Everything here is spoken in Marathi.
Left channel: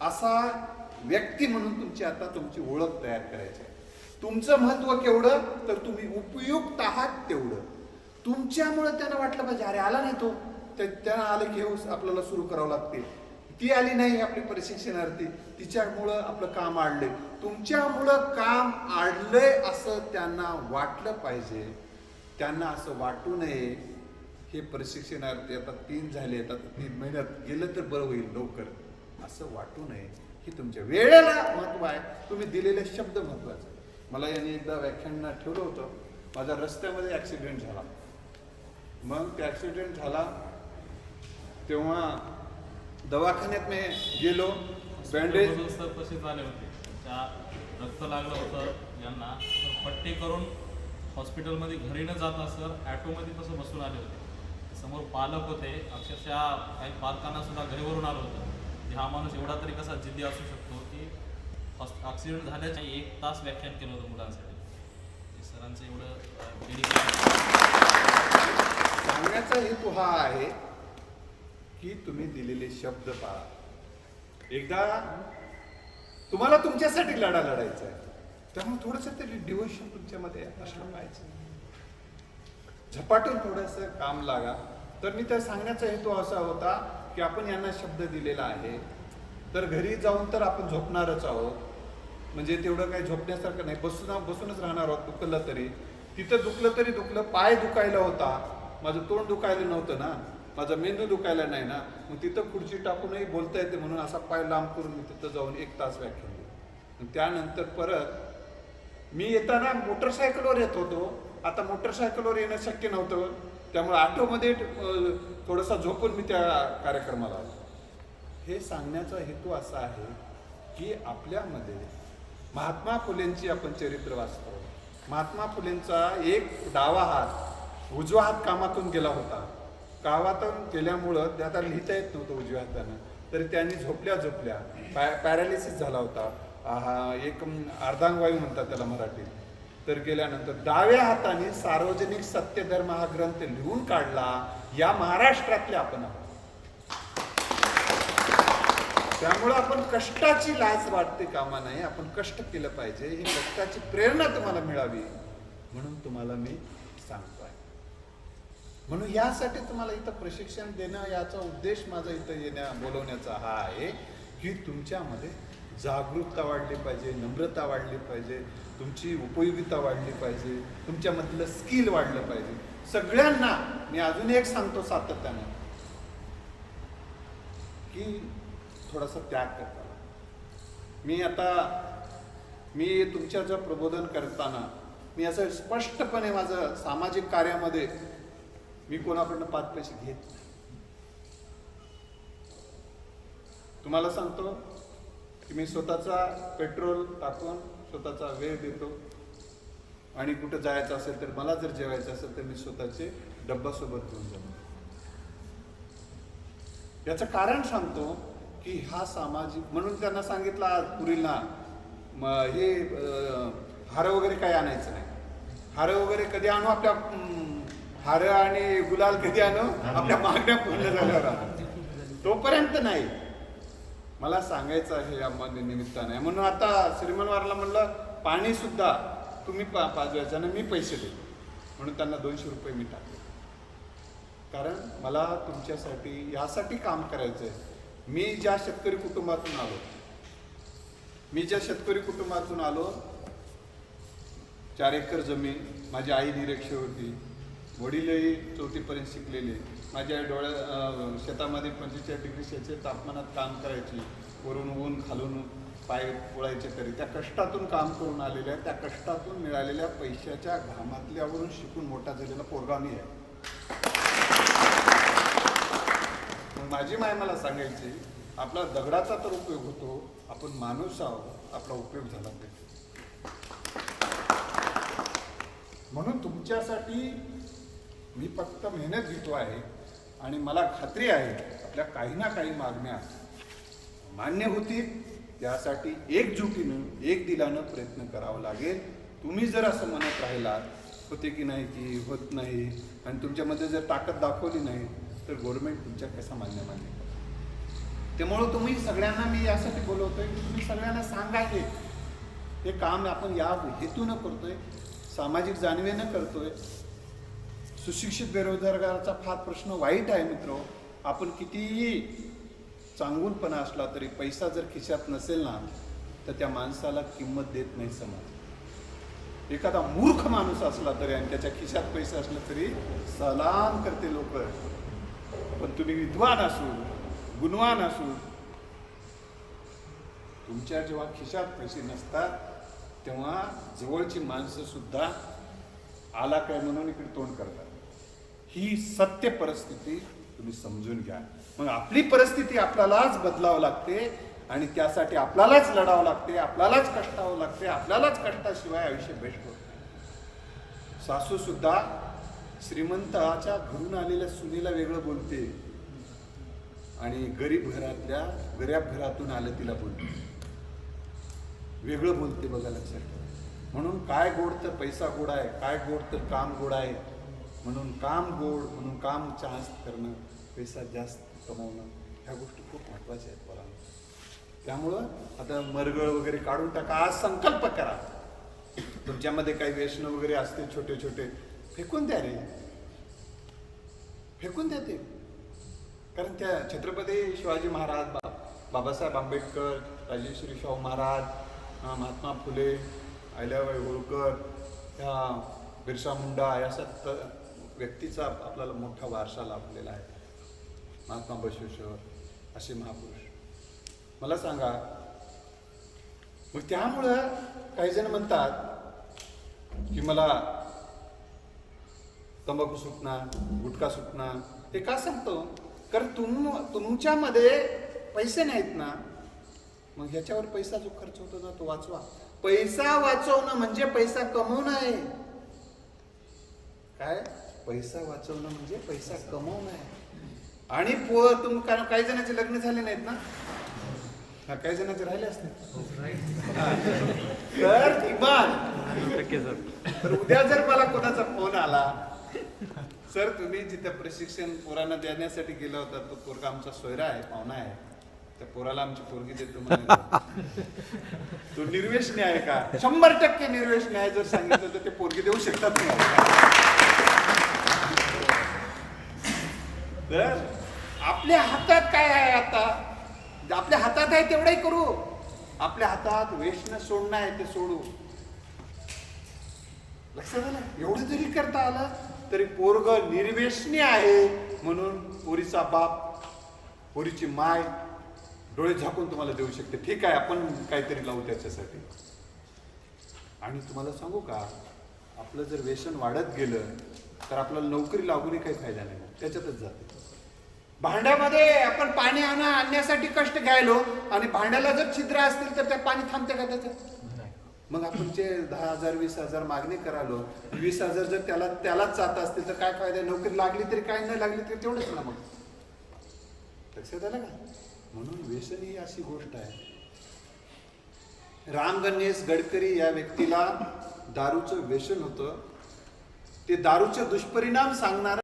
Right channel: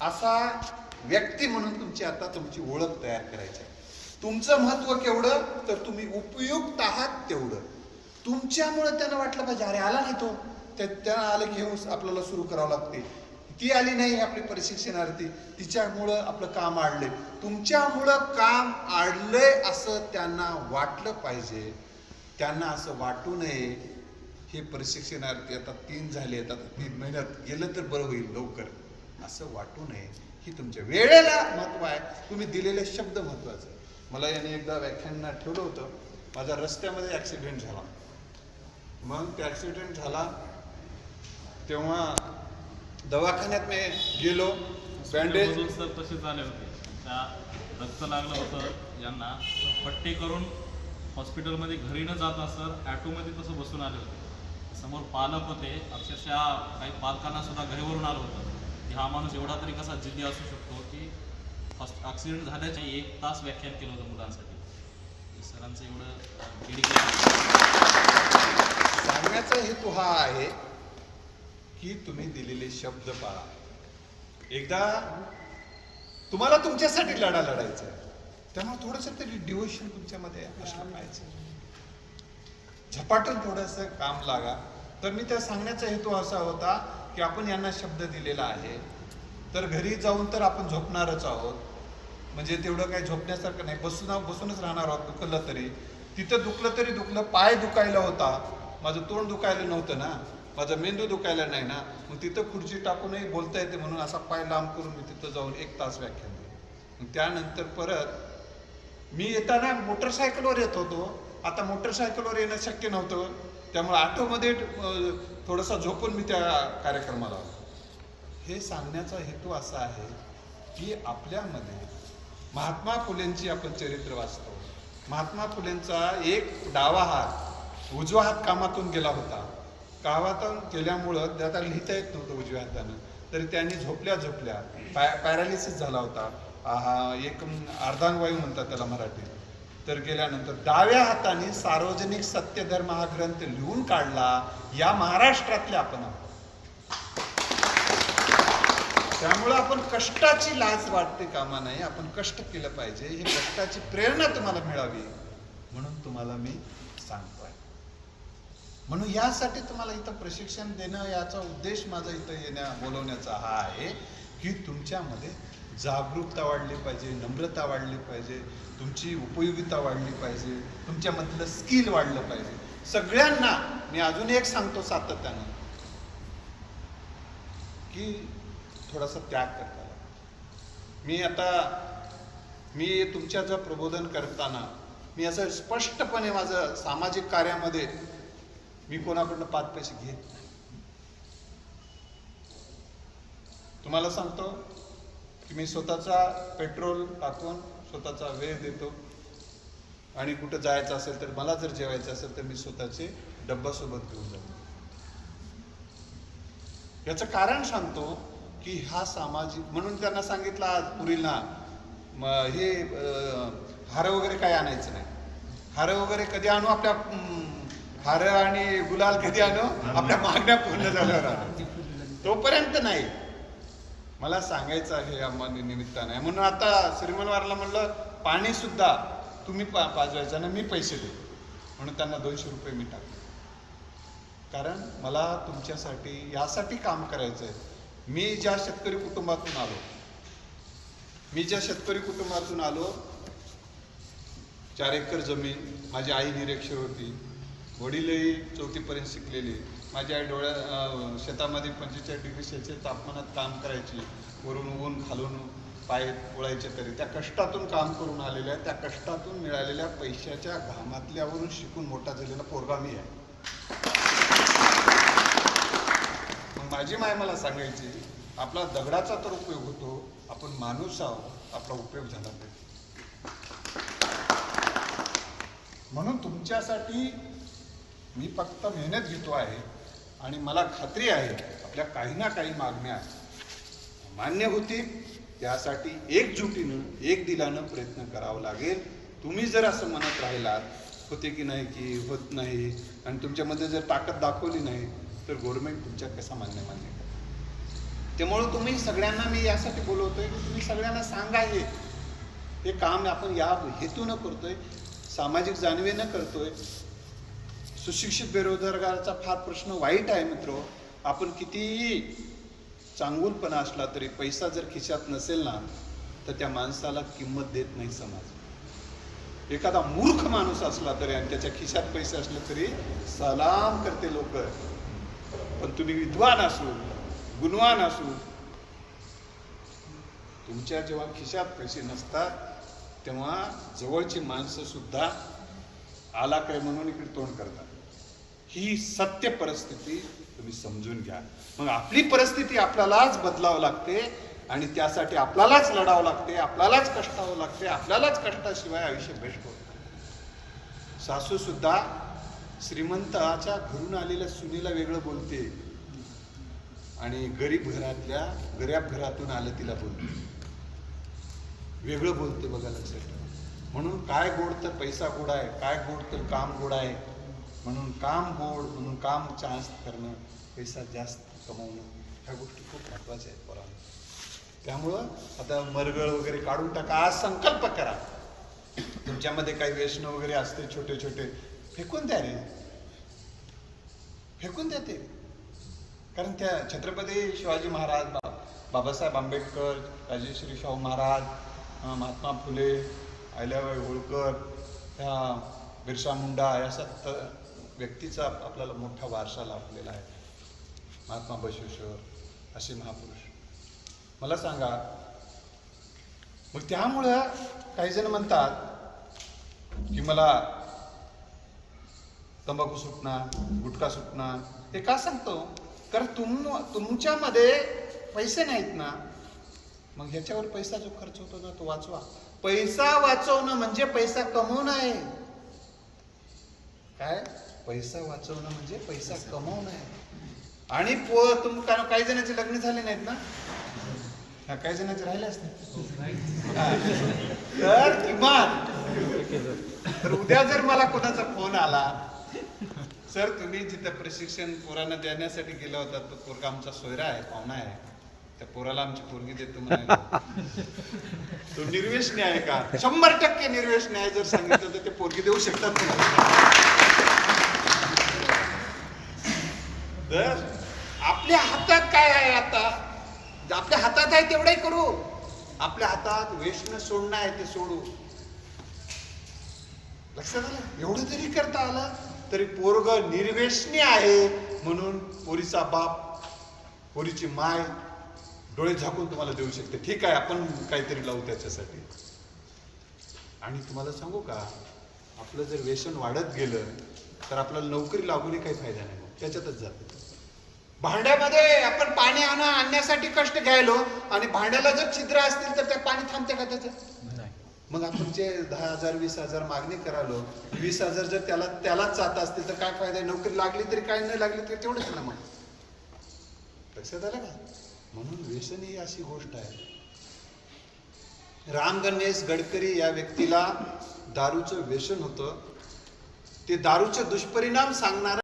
असा व्यक्ती म्हणून तुमची आता तुमची ओळख तयार करायची आहे. तुमचं महत्त्व केवढं तर तुम्ही उपयुक्त आहात तेवढं. तुमच्यामुळं त्यांना वाटलं पाहिजे अरे आला नाही तो. त्यांना आलं की हे आपल्याला सुरू करावं लागते. ती आली नाही आपली प्रशिक्षणार्थी तिच्यामुळं आपलं काम आडले तुमच्यामुळं काम आडलंय असं त्यांना वाटलं पाहिजे. त्यांना असं वाटू नये. हे प्रशिक्षणार्थी आता तीन झाले आता तीन महिन्यात गेलं तर बरं होईल लवकर. असं वाटू नये ही तुमच्या वेळेला महत्त्व आहे. तुम्ही दिलेले शब्द महत्त्वाचे आहे. मला याने एकदा व्याख्यान ठेवलं होतं माझा रस्त्यामध्ये ॲक्सिडेंट झाला. मग ते ॲक्सिडेंट झाला तेव्हा दवाखान्यात मी गेलो. बँडेज सर तसेच आले होते. रक्त लागलं होतं यांना तर पट्टे करून हॉस्पिटलमध्ये घरी न जाता सर ॲटोमध्ये तसं बसून आले होते. समोर पालक होते. अक्षरशः काही पालकांना सुद्धा घरीवरून आलं होतं. की हा माणूस एवढा तरी कसा जिद्दी असू शकतो की ॲक्सिडेंट झाल्याच्या एक तास व्याख्यान केलं होतं मुलांसाठी. सरांचं एवढं डेडिकेशन सांगण्याचा हेतू हा आहे की तुम्ही दिलेले शब्द पाळा. एकदा तुम्हाला तुमच्यासाठी लढा लढायचा आहे. त्यामुळे थोडंसं तरी डिवोशन तुमच्यामध्ये असलं पाहिजे. झपाटून थोडंसं काम लागा. तर मी त्या सांगण्याचा हेतू असा होता की आपण यांना शब्द दिलेला आहे. तर घरी जाऊन तर आपण झोपणारच आहोत. म्हणजे तेवढं काही झोपण्यासारखं नाही. बसून बसूनच राहणार आहोत दुखलं तरी. तिथं दुखलं तरी दुखलं पाय दुखायला होता. माझं तोंड दुखायला नव्हतं ना. माझा मेंदू दुखायला नाही ना. मग तिथं खुर्ची टाकूनही बोलता येते म्हणून असा पाय लांब करून मी तिथं जाऊन एक तास व्याख्यान दिलं. मग त्यानंतर परत मी येताना मोटरसायकलवर येत होतो. आता मोटरसायकलवर येणं शक्य नव्हतं. त्यामुळे ऑटोमध्ये थोडंसं थोडासा झोपून मी त्या कार्यक्रमाला आलो. हे सांगण्याचा हेतू असा आहे की आपल्यामध्ये महात्मा फुलेंची आपण चरित्र वाचतो. महात्मा फुलेंचा एक डावा हात उजवा हात कामातून गेला होता. कामातून गेल्यामुळं त्याला लिहिता येत नव्हतं उजव्या हातानं. तर त्यांनी झोपल्या झोपल्या पॅ पॅरालिसिस झाला होता. हा एक अर्धांगवायू म्हणतात त्याला मराठीत. तर गेल्यानंतर डाव्या हाताने सार्वजनिक सत्यधर्म हा ग्रंथ लिहून काढला या महाराष्ट्रातले आपण आहोत. त्यामुळे आपण कष्टाची लाज वाटते कामा नाही आपण कष्ट केलं पाहिजे ही कष्टाची प्रेरणा तुम्हाला मिळावी म्हणून तुम्हाला मी सांगतोय. म्हणून यासाठी तुम्हाला इथं प्रशिक्षण देणं याचा उद्देश माझा इथं येण्या बोलवण्याचा हा आहे की तुमच्यामध्ये जागरूकता वाढली पाहिजे नम्रता वाढली पाहिजे तुमची उपयोगिता वाढली पाहिजे तुमच्यामधलं स्किल वाढलं पाहिजे सगळ्यांना मी अजून एक सांगतो सातत्यानं की थोडासा त्याग करता मी आता मी तुमच्याचं प्रबोधन करताना मी असं स्पष्टपणे माझं सामाजिक कार्यामध्ये मी कोणाकडनं पाच पैसे घेत नाही. तुम्हाला सांगतो की मी स्वतःचा पेट्रोल टाकून स्वतःचा वेळ देतो. आणि कुठं जायचं असेल तर मला जर जेवायचं असेल तर मी स्वतःचे डब्बा सोबत घेऊन जातो. याचं कारण सांगतो की हा सामाजिक म्हणून त्यांना सांगितलं आज पुरीला म हे हार वगैरे काही आणायचं नाही. हार वगैरे कधी आणू? आपल्या हार आणि गुलाल कधी आणू? आपल्या मागण्या पूर्ण झाल्यावर तोपर्यंत नाही. मला सांगायचं आहे या मन- निमित्ताने. म्हणून आता श्रीमनवारला म्हणलं पाणीसुद्धा तुम्ही पा पाजवायचं आणि मी पैसे देतो. म्हणून त्यांना दोनशे रुपये मी टाकले. कारण मला तुमच्यासाठी यासाठी काम करायचं आहे मी ज्या शेतकरी कुटुंबातून आलो मी ज्या शेतकरी कुटुंबातून आलो चार एकर जमीन माझी आई निरीक्षक होती वडीलही चौथीपर्यंत शिकलेले. माझी आई डोळ्या शेतामध्ये पंचेचाळीस डिग्री सेल्सिअस तापमानात काम करायची. वरून ऊन खालून पाय पोळायचे तरी. त्या कष्टातून काम करून आलेल्या त्या कष्टातून मिळालेल्या पैशाच्या घामातल्यावरून शिकून मोठा झालेला पोरगा मी आहे. मग माझी माय मला सांगायची आपला दगडाचा तर उपयोग होतो आपण माणूस आहोत आपला उपयोग झाला पाहिजे. म्हणून तुमच्यासाठी मी फक्त मेहनत घेतो आहे आणि मला खात्री आहे आपल्या काही ना काही मागण्या मान्य होतील. त्यासाठी एकजुटीनं एक दिलानं प्रयत्न करावा लागेल. तुम्ही जर असं म्हणत राहिलात होते की नाही की होत नाही आणि तुमच्यामध्ये जर ताकद दाखवली नाही तर गव्हर्मेंट तुमच्या कसा मान्य मान्य त्यामुळं तुम्ही सगळ्यांना मी यासाठी बोलवतोय की तुम्ही सगळ्यांना सांगा हे. हे काम आपण या हेतूनं करतोय सामाजिक जाणीवेनं करतोय. सुशिक्षित बेरोजगाराचा फार प्रश्न वाईट आहे मित्र. आपण कितीही चांगूलपणा असला तरी पैसा जर खिशात नसेल ना तर त्या माणसाला किंमत देत नाही समाज. एखादा मूर्ख माणूस असला तरी आणि त्याच्या खिशात पैसे असले तरी सलाम करते लोक. पण तुम्ही विद्वान असू गुणवान असू तुमच्या जेव्हा खिशात पैसे नसतात तेव्हा जवळची माणसं सुद्धा आला काय म्हणून इकडे तोंड करतात. ही सत्य परिस्थिती तुम्ही समजून घ्या. मग आपली परिस्थिती आपल्यालाच बदलावं लागते आणि त्यासाठी आपल्यालाच लढावं लागते आपल्यालाच कष्टावं लागते आपल्यालाच कष्टाशिवाय आयुष्य बेस्ट होत सासू सुद्धा श्रीमंताच्या घरून आलेल्या सुनीला वेगळं बोलते आणि गरीब घरातल्या गरीब घरातून आलं तिला बोलते. वेगळं बोलते बघा लक्षात म्हणून काय गोड तर पैसा गोड आहे काय गोड तर काम गोड आहे म्हणून काम गोड म्हणून काम जास्त करणं पैसा जास्त कमवणं ह्या गोष्टी खूप महत्त्वाच्या आहेत पोरांना. त्यामुळं आता मरगळ वगैरे काढून टाका आज संकल्प करा. तुमच्यामध्ये काही व्यसन वगैरे असते छोटे छोटे फेकून द्या रे. फेकून द्या ते. कारण त्या छत्रपती शिवाजी महाराज बा बाबासाहेब आंबेडकर राजेश्री शाहू महाराज महात्मा फुले अहिल्याबाई होळकर त्या बिरसा मुंडा या सत्त व्यक्तीचा आपल्याला मोठा वारसा लाभलेला आहे. महात्मा बसवेश्वर असे महापुरुष. मला सांगा मग त्यामुळं काही जण म्हणतात की मला तंबाखू सुटणार गुटखा सुटणार. ते का सांगतो? कारण तुम तुमच्यामध्ये पैसे नाहीत ना. मग ह्याच्यावर पैसा जो खर्च होतो ना तो वाचवा. पैसा वाचवणं म्हणजे पैसा कमवणं आहे. काय? पैसा वाचवणं म्हणजे पैसा कमवणं आहे. आणि पो तुम कारण काही जणांचे लग्न झाले नाहीत ना? हा, काही जणांचे राहिले असते. तर किमान तर उद्या जर मला कोणाचा फोन आला सर तुम्ही जिथं प्रशिक्षण पोरांना देण्यासाठी गेला होता तो पोरगा आमचा सोयरा आहे पाहुणा आहे. त्या पोराला आमची पोरगी देतो तो निर्वेशनी आहे का? शंभर टक्के निर्वेशनी आहे जर सांगितलं तर ते पोरगी देऊ शकतात तुम्हाला तर आपल्या हातात काय आहे आता? आपल्या हातात आहे तेवढंही करू. आपल्या हातात वेशनं सोडणं आहे ते सोडू. लक्षात आलं? एवढं जरी करता आलं तरी पोरग निर्वेशनी आहे म्हणून पोरीचा बाप पोरीची माय डोळे झाकून तुम्हाला देऊ शकते. ठीक आहे आपण काहीतरी लावू त्याच्यासाठी. आणि तुम्हाला सांगू का? आपलं जर व्यसन वाढत गेलं तर आपल्याला नोकरी लागूनही काही फायदा नाही. मग त्याच्यातच जाते. भांड्यामध्ये आपण पाणी आणा आणण्यासाठी कष्ट घ्यायलो आणि भांड्याला जर छिद्र असतील तर त्या पाणी थांबते का त्याच्यात मग आपण जे दहा हजार वीस हजार मागणी करालो वीस हजार जर त्याला त्यालाच जात असतील तर काय फायदा आहे? नोकरी लागली तरी काही नाही लागली तरी तेवढंच ना मग. लक्षात आलं का? म्हणून व्यसन ही अशी गोष्ट आहे. राम गणेश गडकरी या व्यक्तीला दारूचं व्यसन होतं. ते दारूचे दुष्परिणाम सांगणार